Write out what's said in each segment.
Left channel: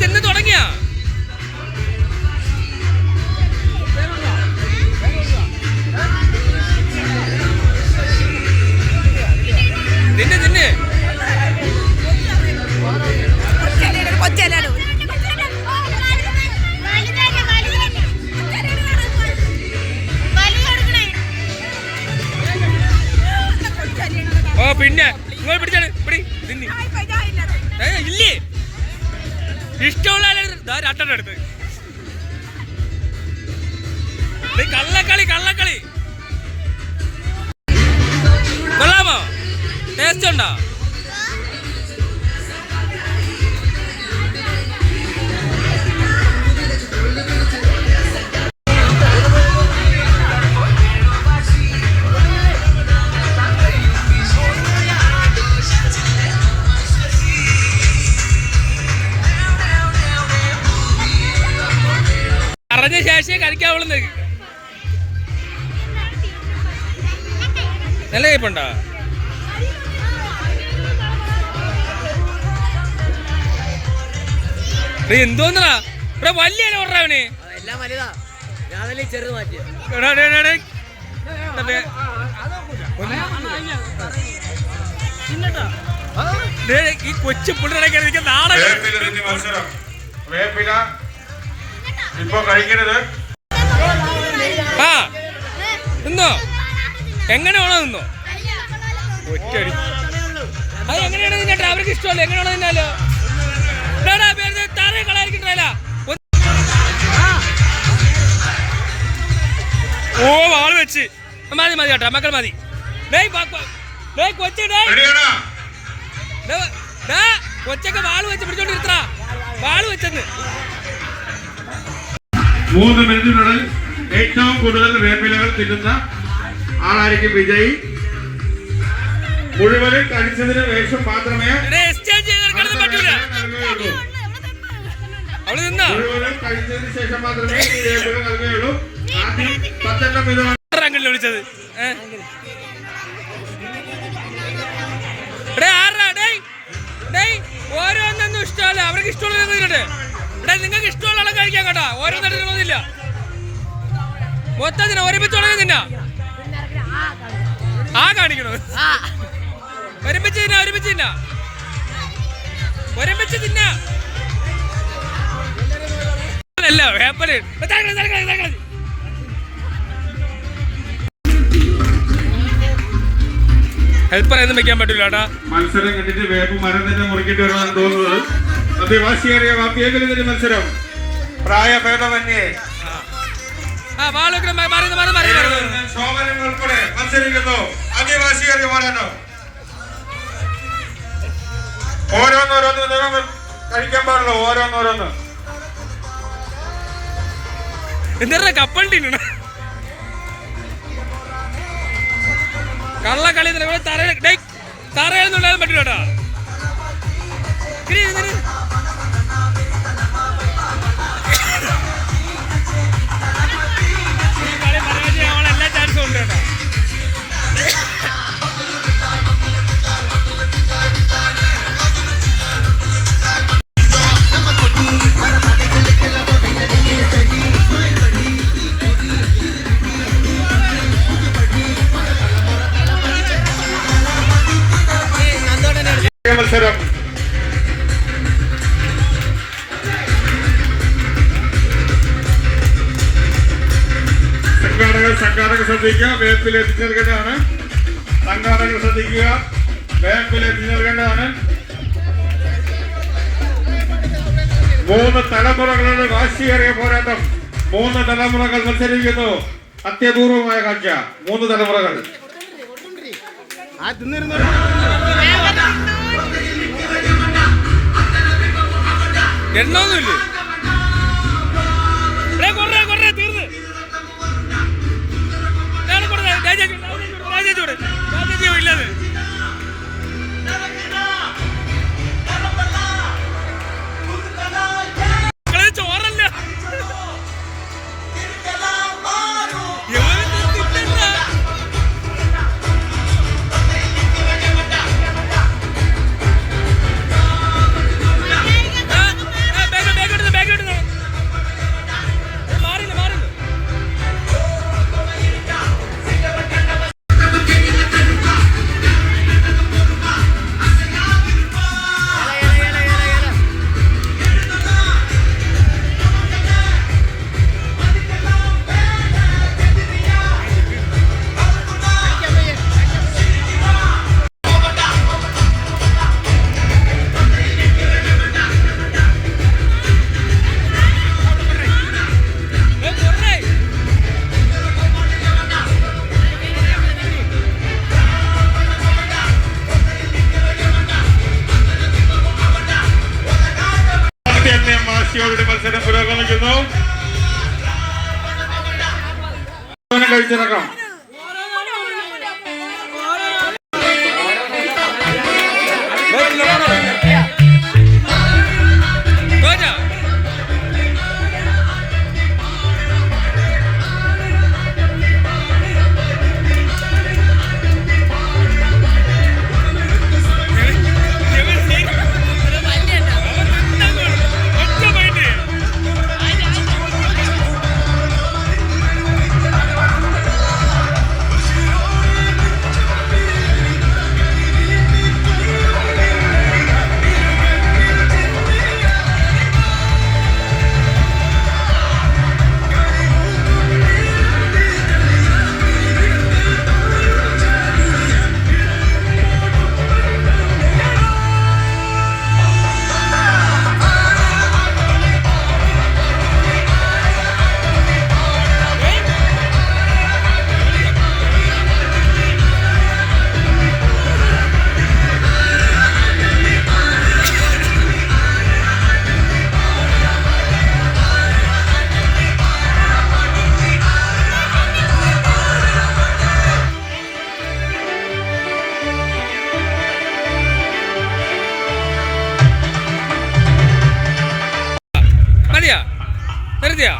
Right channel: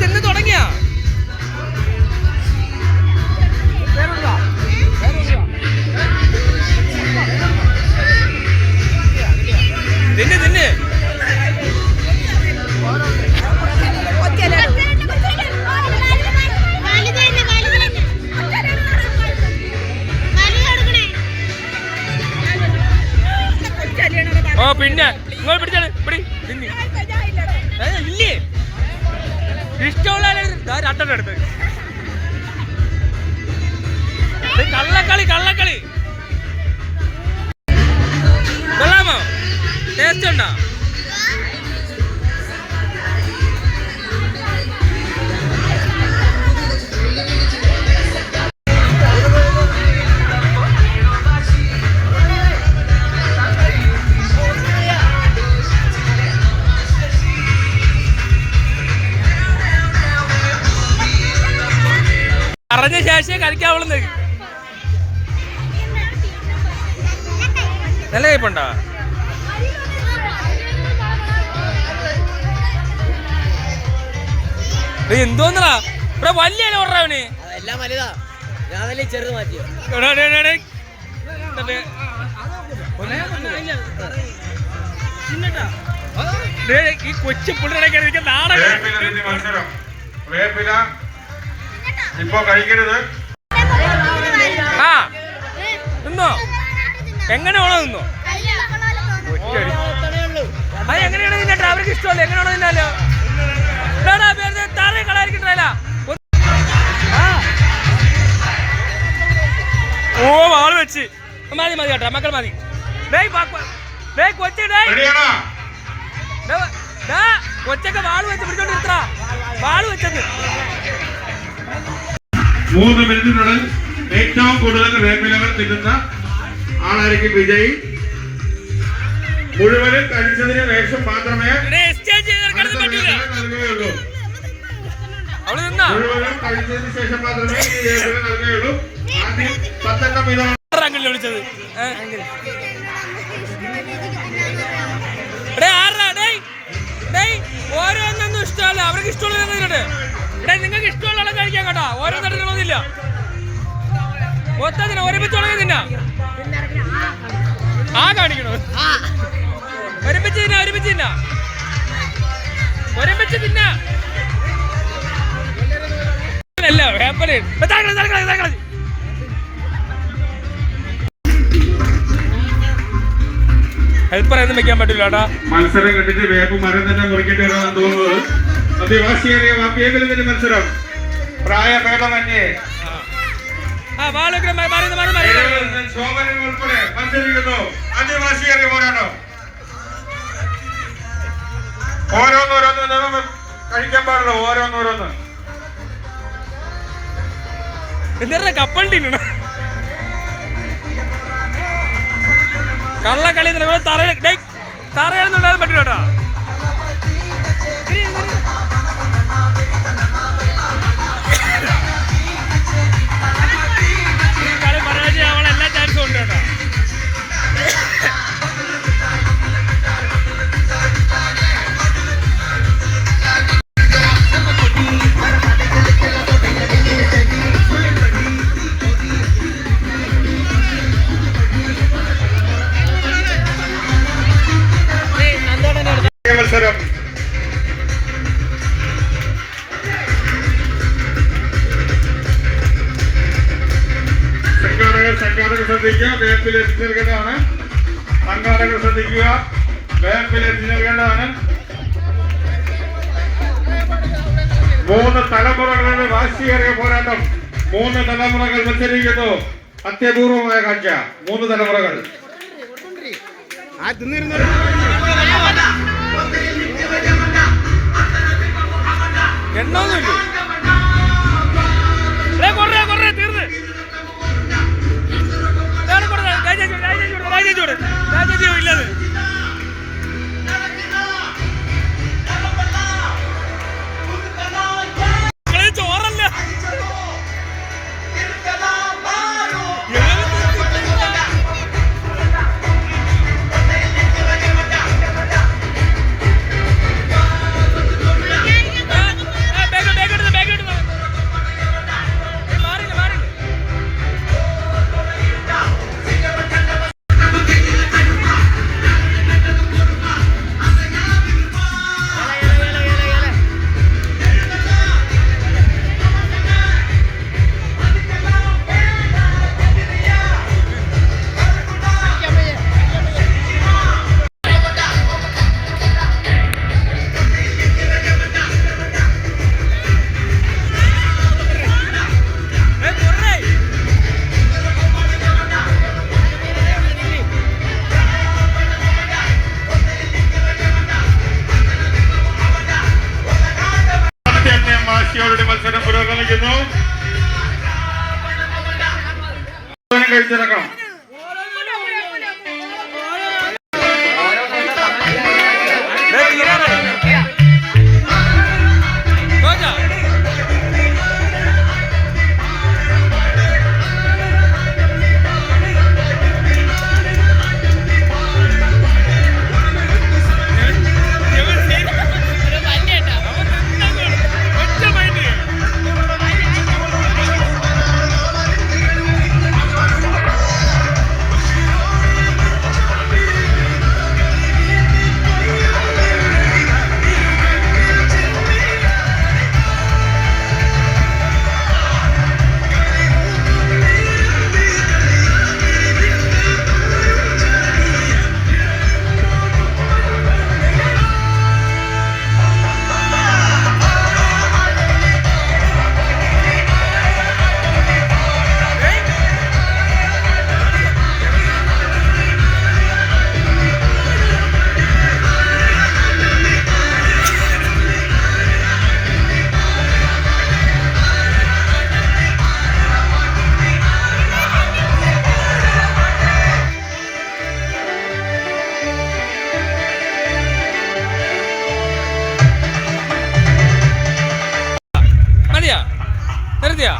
ചെന്ന് തുടങ്ങിയ തിന്നെ തിന്നെ ഓ പിന്നെ നിങ്ങൾ പിടിച്ചാണ് പിടി തിന്നി ഇല്ലേ ഇഷ്ടമുള്ള രണ്ടെണ്ണം എടുത്ത് കള്ളക്കളി കള്ളക്കളി കൊള്ളാമോ ടേസ്റ്റ് ഉണ്ടോ പറഞ്ഞ ശേഷിയെ കളിക്കാവുള്ളൂ നല്ല കയ്പുണ്ടോ എന്തോന്നാ ഇവിടെ വലിയ ഓർഡറാവന് എല്ലാം വലുതാ ഞാൻ ചെറു മാറ്റി ഈ കൊച്ചു പുള്ളിടയ്ക്ക് നാടൻ ഇപ്പൊ കഴിക്കരുത്. ആ നിന്നോ എങ്ങനെയാണോ നിന്നോ അത് എങ്ങനെയാണ് നിന്നിട്ട് അവർക്ക് ഇഷ്ടമല്ല എങ്ങനെയാണോ നിന്നാലോ താറേ കളായിരിക്കണ്ടല്ല ഓ വാള് വെച്ച് മതി മതി കേട്ടോ മക്കൾ മതി കൊച്ചൊക്കെ വാള് വെച്ച് പിടിച്ചോണ്ടിരുത്താ വാള് വെച്ചത് 3 മിനിറ്റിനുള്ളിൽ ഏറ്റവും കൂടുതൽ വേപ്പിലകൾ തിന്നുന്ന ആളായിരിക്കും വിജയി. മുഴുവനും കഴിച്ചതിന് ശേഷം മാത്രമേ നൽകുകയുള്ളൂ. മുഴുവനും കഴിച്ചതിന് ശേഷം മാത്രമേ ഈ വേപ്പില നൽകുകയുള്ളൂ. ആദ്യം 10 വീതം വിളിച്ചത് ഓരോന്നൊന്നും ഇഷ്ടമല്ല അവർക്ക് ഇഷ്ടമുള്ള ഇവിടെ നിങ്ങൾക്ക് ഇഷ്ടമുള്ള കഴിക്കാൻ കേട്ടാ ഓരോന്നും തോന്നില്ല മൊത്തത്തിന് ഒരുമിച്ചുള്ളത് തിന്നാ ആ കാണിക്കണോ ഒരുമിച്ച് തിന്നാ ഒരുമിച്ച് തിന്നാ ഒരുമിച്ച് തിന്നാ അല്ല വേപ്പല് ഹെൽപ്പറൊന്നും വെക്കാൻ പറ്റില്ല. മത്സരം കണ്ടിട്ട് വേപ്പ് മരം തന്നെ മുറിക്കേണ്ടി വരുമെന്ന് തോന്നുന്നത് അതിവാശിയേറിയ വാപ്പിയേക്കലിന്റെ മത്സരം പ്രായഭേദമന്യേ ഉൾപ്പെടെ മത്സരിക്കുന്നു. അതിവാശിയേറിയ പോരാട്ടം ഓരോന്നോരോന്ന് കഴിക്കാൻ പാടുള്ളൂ. ഓരോന്നോരോന്ന് എന്താ കപ്പൽ കള്ളക്കളി തറയൊന്നും പറ്റില്ല കളി പരാജയമാവാൻ എല്ലാ ചാൻസും ഉണ്ട് കേട്ടോ. മത്സരം സംഘാടകർ ശ്രദ്ധിക്കുക. വേപ്പിൽ എത്തിച്ചു നൽകേണ്ടതാണ്. സംഘാടകർ ശ്രദ്ധിക്കുക. വേപ്പിൽ എത്തിച്ചു നൽകേണ്ടതാണ്. 3 തലമുറകളുടെ വാശിയേറിയ പോരാട്ടം. 3 തലമുറകൾ മത്സരിക്കുന്നു. അത്യപൂർവമായ കാഴ്ച. 3 തലമുറകൾ എണ്ണൊന്നുമില്ല തീർന്ന് ഇല്ലത് ചോറല്ല മത്സരം പുരോഗമിക്കുന്നു. കഴിച്ചിറക്കാം. നിർത്തിയാ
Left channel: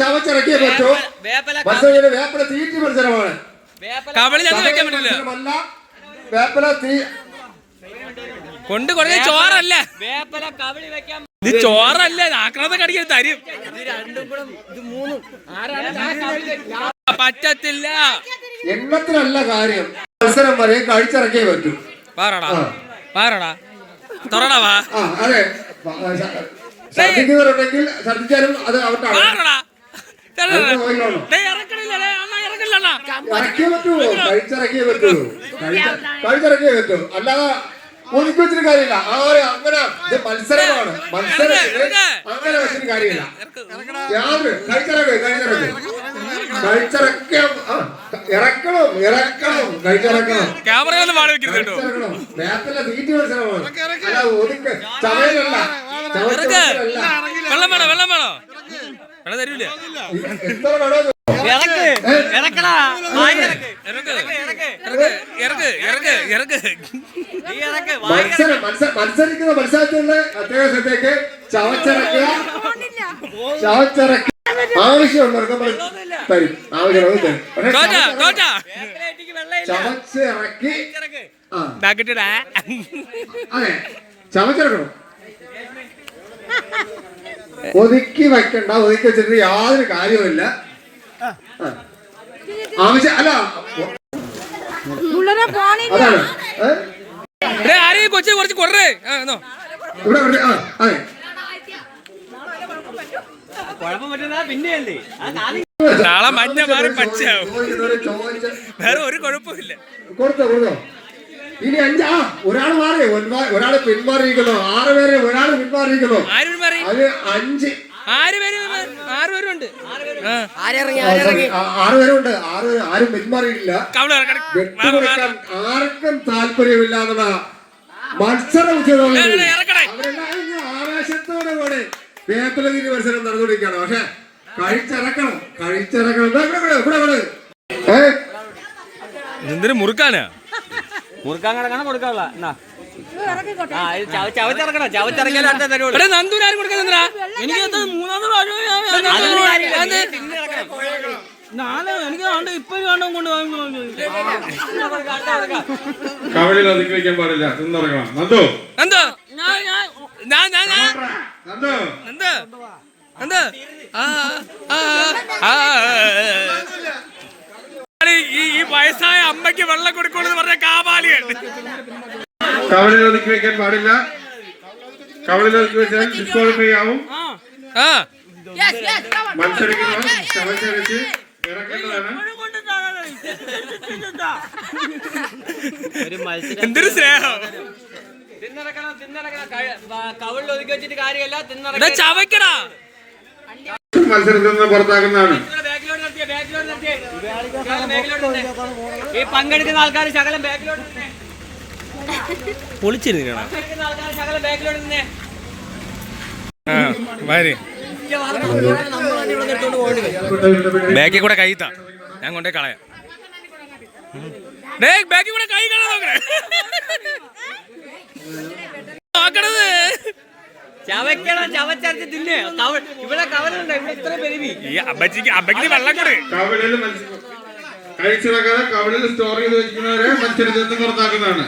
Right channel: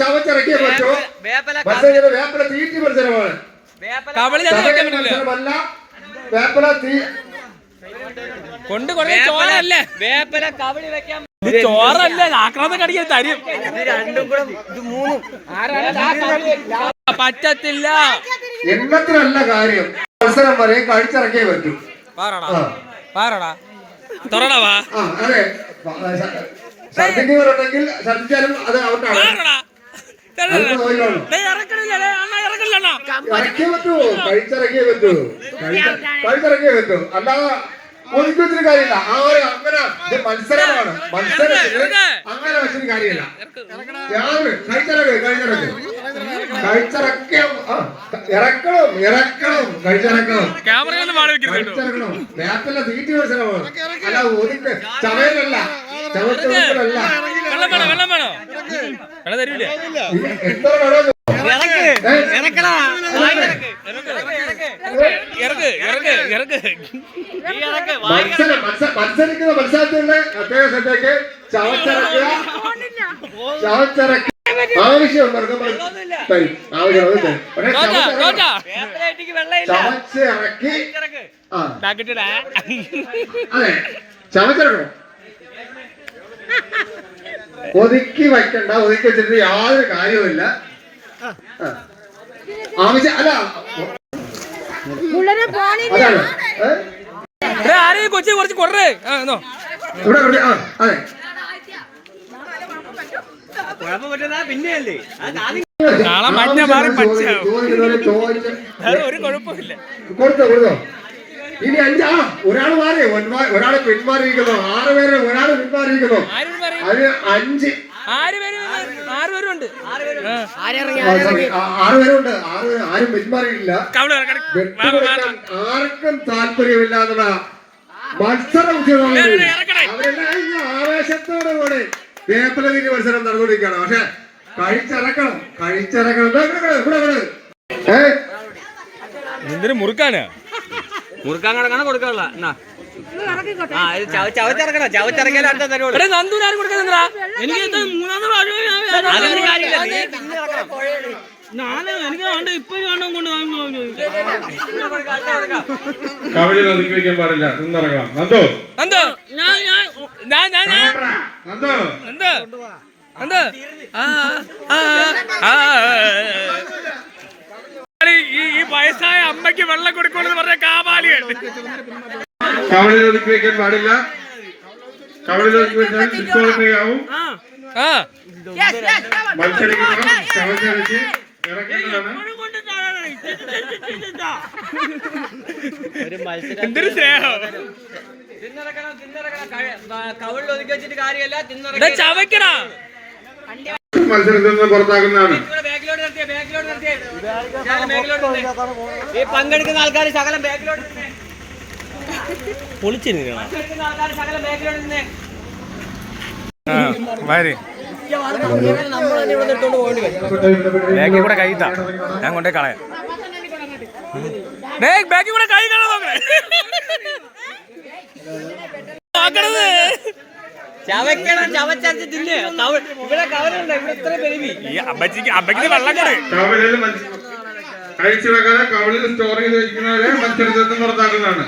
ചവച്ചിറക്കിയേ പറ്റൂ. വേപ്പില തീറ്റി മത്സരമാണ്. മത്സരമല്ല, വേപ്പില തീ കൊണ്ട് കുറേ ചോറല്ലേ ഇത് ചോറല്ലേ ആക്രാമം കടിക്കാൻ തരും പറ്റത്തില്ല. എണ്ണത്തിനല്ല കാര്യം, മത്സരം വരെ കഴിച്ചിറക്കിയേ പറ്റൂ. അതെ, ഛർദിക്കുന്നവരുണ്ടെങ്കിൽ ഛർദിച്ചാലും അത് ഔട്ടാണ്. ഇറക്കിയേ പറ്റൂ, കഴിച്ചിറക്കിയേ പറ്റൂ, കഴിച്ചിറക്കിയേ പറ്റൂ. അല്ലാതെ ഒതുക്കി വെച്ചിട്ട് കാര്യമില്ല. അങ്ങനെ ഇത് മത്സരമാണ്. മത്സരത്തിന് അങ്ങനെ വെച്ചിട്ട് കാര്യമില്ല. യാതൊരു കഴിച്ചിറക്കണം, വേപ്പില്ല തീറ്റി മത്സരമാണ്. അല്ല ഒതുക്ക് ചവയലല്ല, ചവച്ചല്ല. എത്ര വേണോ മത്സരിക്കുന്ന മത്സരത്തിന്റെ പ്രത്യേകത്തേക്ക് ചവച്ചിറക്കുക, ആവശ്യമുള്ളവർക്ക് നമ്മൾ തരും. ആവശ്യമുള്ളത് ചവച്ചിറക്കി അതെ ചവച്ചിറക്കണം. ഒതുക്കി വയ്ക്കണ്ട, ഒതുക്കി വെച്ചിട്ട് യാതൊരു കാര്യവുമില്ല. ആവശ്യം അല്ല അതാണ് കൊച്ചു കുറച്ച് കുറേ ഇവിടെ അതെ കൊടുത്തോ. ഇനി ഒരാൾ മാറി, ഒരാള് പിന്മാറിയിരിക്കുന്നു. 6 പേരെ ഒരാള് പിന്മാറിയിരിക്കുന്നു. അത് 5 6 പേരുണ്ട്. ആരും പിന്മാറിയിട്ടില്ല. വെട്ടുകൊടുക്കാൻ ആർക്കും താല്പര്യമില്ല എന്നുള്ള മത്സര ഉദ്യോഗം അവരെല്ലാം ആവേശത്തോടെ കൂടി വേപ്പില തീറ്റി മത്സരം നടന്നുകൊണ്ടിരിക്കുകയാണ്. പക്ഷെ കഴിച്ചിറക്കണം. എന്തിനു മുറുക്കാനാ? മുറുക്കാൻ കണക്കാണ് കൊടുക്കാനുള്ള ചവച്ചിറക്കിയാലും അടുത്ത തരുള്ളൂ. എനിക്ക് മൂന്നാമത് കവലിൽ ഒതുക്കി വെക്കാൻ പാടില്ല, നിന്നിറങ്ങണം. നന്ദു ഈ വയസ്സായ അമ്മയ്ക്ക് വെള്ളം കൊടുക്കണമെന്ന് പറഞ്ഞ കാപാലികൾ. കവലിൽ ഒതുക്കി വെക്കാൻ പാടില്ല. കവലിൽ ഒതുക്കി വെച്ചാൽ ഡിസ്ക്വാളിഫൈ ആവും. മത്സരിക്കുന്ന ചവച്ചരച്ച് ഇറക്കേണ്ടതാണ്. എന്തൊരു സ്നേഹം. കവളിൽ ഒതുക്കി വെച്ചിട്ട് കാര്യമല്ല, ചവയ്ക്കണ മത്സരത്തിൽ നിന്ന് പുറത്താക്കുന്നതാണ്. ഈ പങ്കെടുക്കുന്ന ആൾക്കാർ ശകലം ബാക്കിലോട്ട് പൊളിച്ചിരുന്നു. ബാക്കി കൂടെ കൈത്താ ഞാൻ കൊണ്ടേ കളയാം. ബാക്കി കൂടെ കൈ കളയാം. ചവയ്ക്കണം, ചവച്ചരച്ച് തിന്നെ. ഇവിടെ കവറുണ്ട്, ഇവിടെ ഇത്ര പെരുവി. അമ്മച്ചിക്ക് വെള്ളക്കട് കവലിൽ കഴിച്ചു വെക്കാതെ കവലിൽ സ്റ്റോർ ചെയ്ത് വെക്കുന്നവരെ മത്സരത്തിൽ നിന്ന് പുറത്താക്കുന്നതാണ്.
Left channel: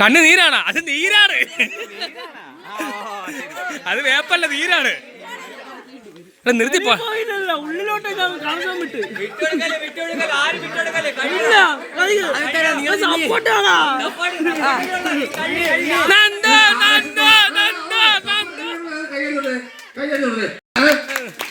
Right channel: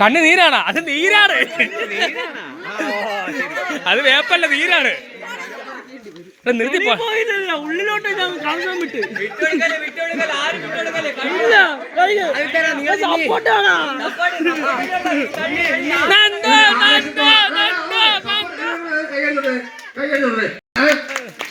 കണ്ണ് നീരാണ്, അത് നീരാണ്, അത് വേപ്പല്ല, നീരാണ്. നിർത്തിപ്പോ ഉള്ളിലോട്ട് കാണാൻ വിട്ട്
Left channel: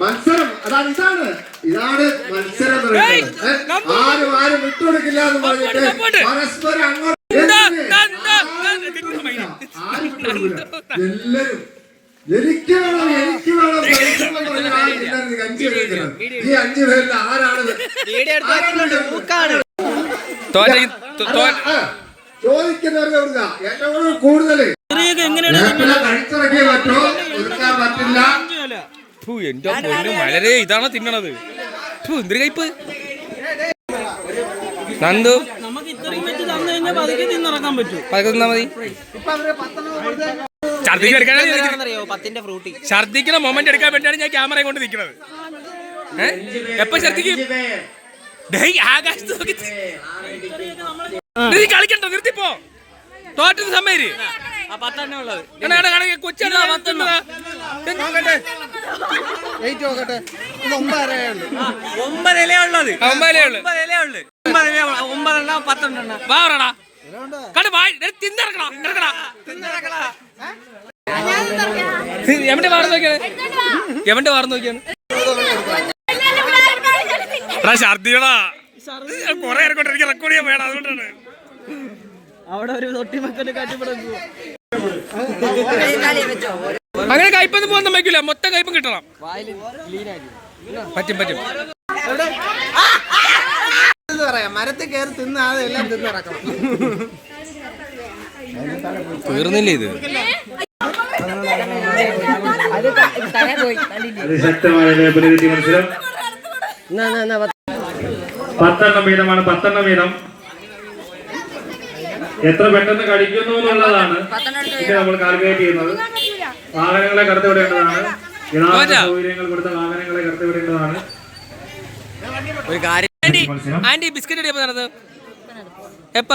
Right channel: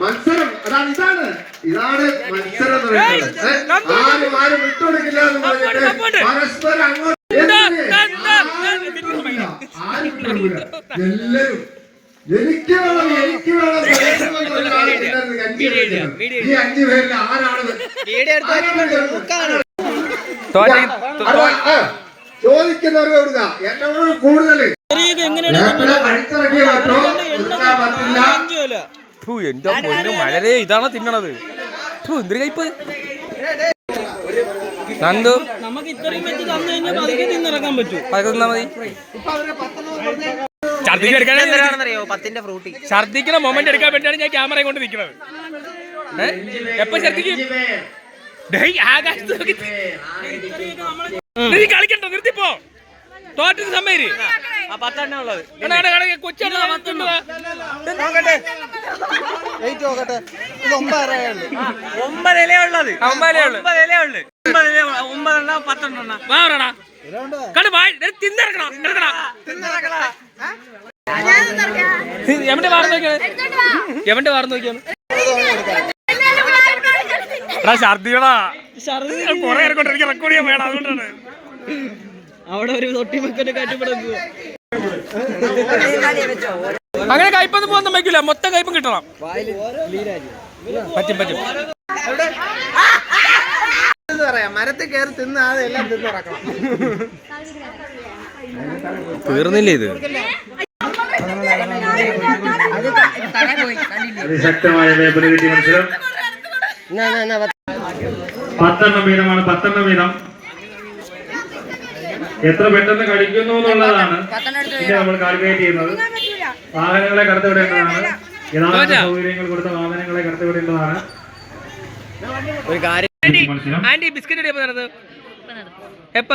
മത്സരം അതാണ്, ഇതാണ് മത്സരം എന്ന് പറയുന്നത്. ആരും വിട്ടുകൊടുക്കില്ല എന്ന് പറഞ്ഞിട്ട് പരസ്പരം അങ്ങോട്ട് ആരും വിട്ടുകൊടുക്കില്ല. എല്ലാരും എനിക്ക് വേണം ഈ 5 പേരിൽ ആരാണ് ചോദിക്കുന്നവർക്ക് കൊടുക്ക. എന്നോട് കൂടുതൽ കഴിച്ചിറക്കിയേ പറ്റോ, കൊടുക്കാൻ പറ്റില്ല. വളരെ ഇതാണ് തിന്നണത്. എന്തൊരു കയ്പ് നന്ദു. നമുക്ക് ഇത്രയും വെച്ച് തന്നു കഴിഞ്ഞാൽ പതുക്കെ തിന്നിറക്കാൻ പറ്റും. പതുക്കെ തിന്നാ മതി. ഛർദിക്കുന്ന മൊമെന്റ് എടുക്കാൻ വേണ്ടിയാണ് ഞാൻ ക്യാമറ കൊണ്ട് നിൽക്കുന്നത്. എപ്പോ ഛർദിക്കും? കളിക്കണ്ടോ? നിർത്തിപ്പോ. തോറ്റത് സമ്മേര് കൊച്ചാണ്. 9 ഇലയുള്ളത്. 9 ഇലയുള്ളു. 9 10 വാറടാ കണ്ട് തിന്നിറക്കണ. എവിടെ വാർന്ന് നോക്കിയാണ്? എവിടെ വാർന്ന് നോക്കിയാണ്? ഛർദിയടാ, കൊറേ എനിക്ക് റെക്കോർഡ് ചെയ്യാൻ വേണം. അതുകൊണ്ടാണ് അവിടെ ഒരു തൊട്ടിമക്കന്റെ കാറ്റുപടങ്ങുക. അങ്ങനെ കയ്പൊന്നും പോകുന്ന വയ്ക്കില്ല, മൊത്തം കയ്പും കിട്ടണം. പറ്റും. മരത്തിൽ കയറി തിന്നാതെ എല്ലാം തിന്നിറക്കണം. തീർന്നില്ലേ ഇത്? അതിശക്തമായ ലേബലിറ്റി മത്സരം. 10 വീതമാണ്. 10 വീതം. എത്ര പെട്ടെന്ന് കടിക്കുന്നു എന്നുള്ളതാണ് ഇത് നമ്മൾ കാൽക്കുലേറ്റ് ചെയ്യുന്നത്. വാഹനങ്ങളെ കടത്തിവിടേണ്ടതാണ്. യഥാർത്ഥ സൗകര്യങ്ങൾ കൊടുത്ത വാഹനങ്ങളെ കടത്തിവിടേണ്ടതാണ്. ഒരു കാര്യം, ആന്റി ബിസ്ക്കറ്റ് നടന്നത് എപ്പ?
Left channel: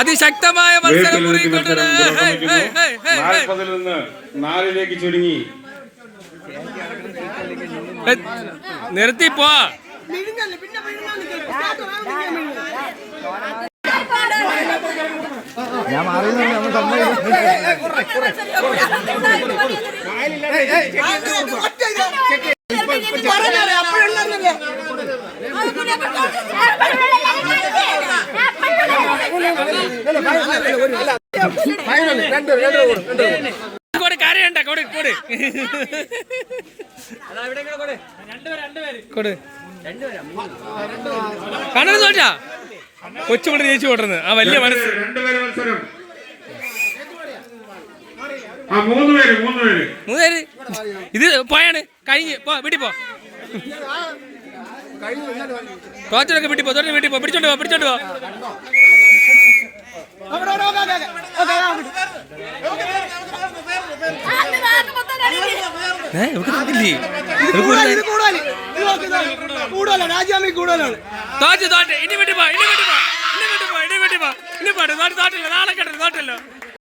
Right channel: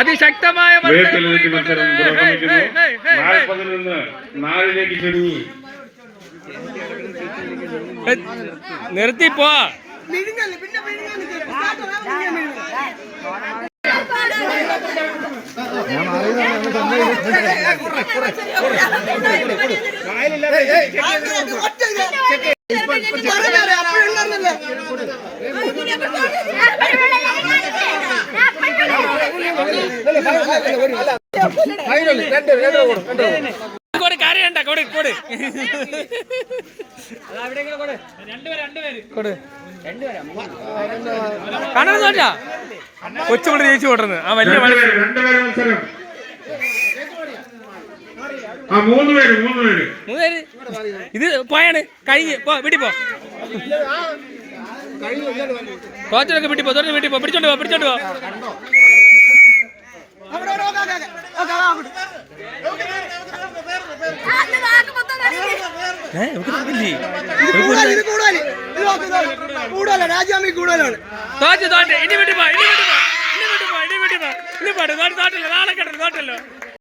അതിശക്തമായ മത്സരം 40 നിന്ന് 4 ചുരുങ്ങി. നിർത്തിപ്പോ. കൊച്ചുപിള്ളി ജയിച്ചു കൊണ്ടിരുന്നു ആ വലിയ മത്സരം. 3 പേര്. ഇത് പോയാണ് കഴിഞ്ഞ് വീട്ടിൽ പോ. കോച്ചൊക്കെ വീട്ടിൽ പോ. വീട്ടിൽ പോ. പിടിച്ചോണ്ട് പോ. രാജ്യാമി കൂടുതലാണ്. തോറ്റ് ഇനി വീട്ടിൽ പോ. നാളെ കേട്ടോ തോറ്റല്ലോ.